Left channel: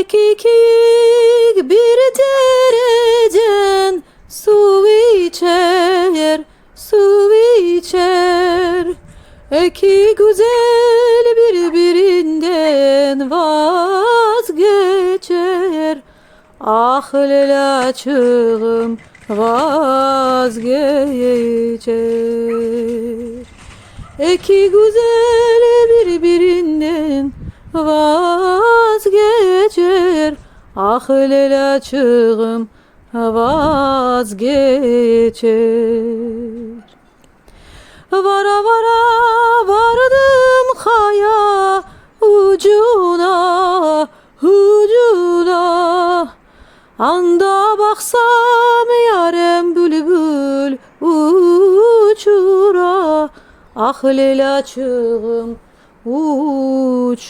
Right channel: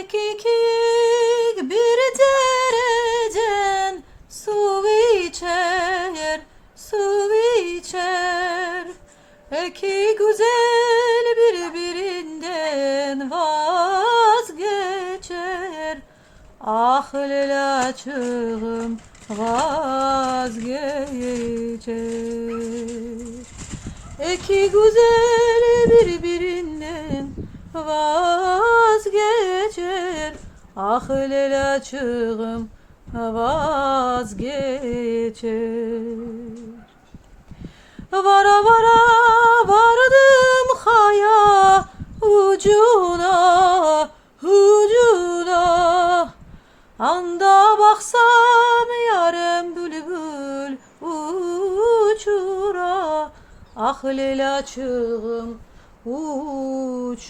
Ekik bir dereden su içer, su içer. İki güzel birbirinden vazgeçer. Ah lelaçığım vazgeçer. İki güzel birbirinden vazgeçer. Ah lelaçığım vazgeçer. Vara vara vardım kaya ucuna, ucuna. Anda baksam yarem bülbül uçura. Ah lelaçığım uçura.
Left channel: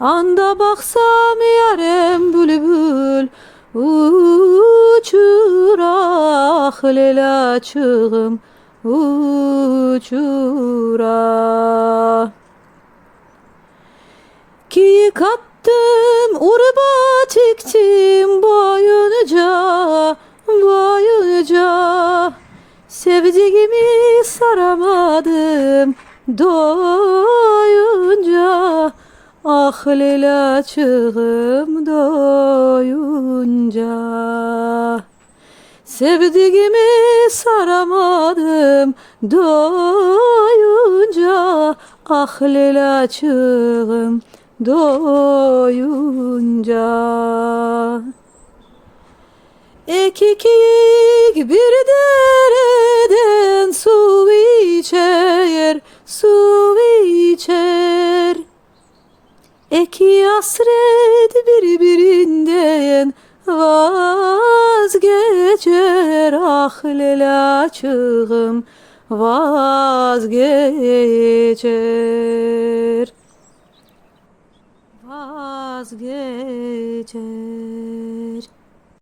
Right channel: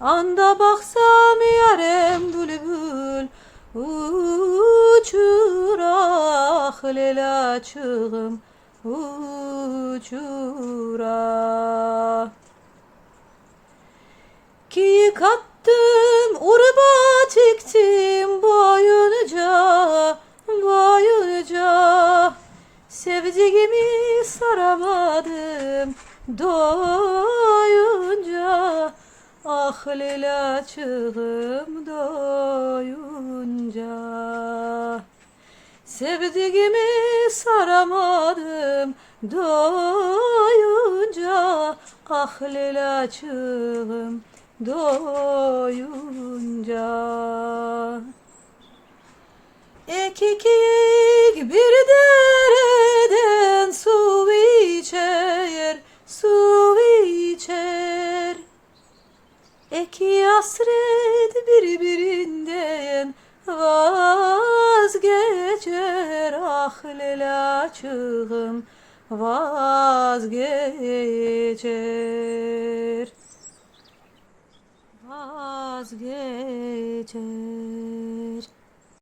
Anda baksam yarem bülbül uçura. Ah lelaçığım uçura. Ki kattım urba tiktim boyunca, boyunca. Sevdiğimi saramadım doyunca. Ah lelaçığım doyunca. Sevdiğimi saramadım doyunca. Ah lelaçığım doyunca. Ekik bir dereden su içer, su içer. İki hasret birbirinden vazgeçer. Ah lelaçığım vazgeçer.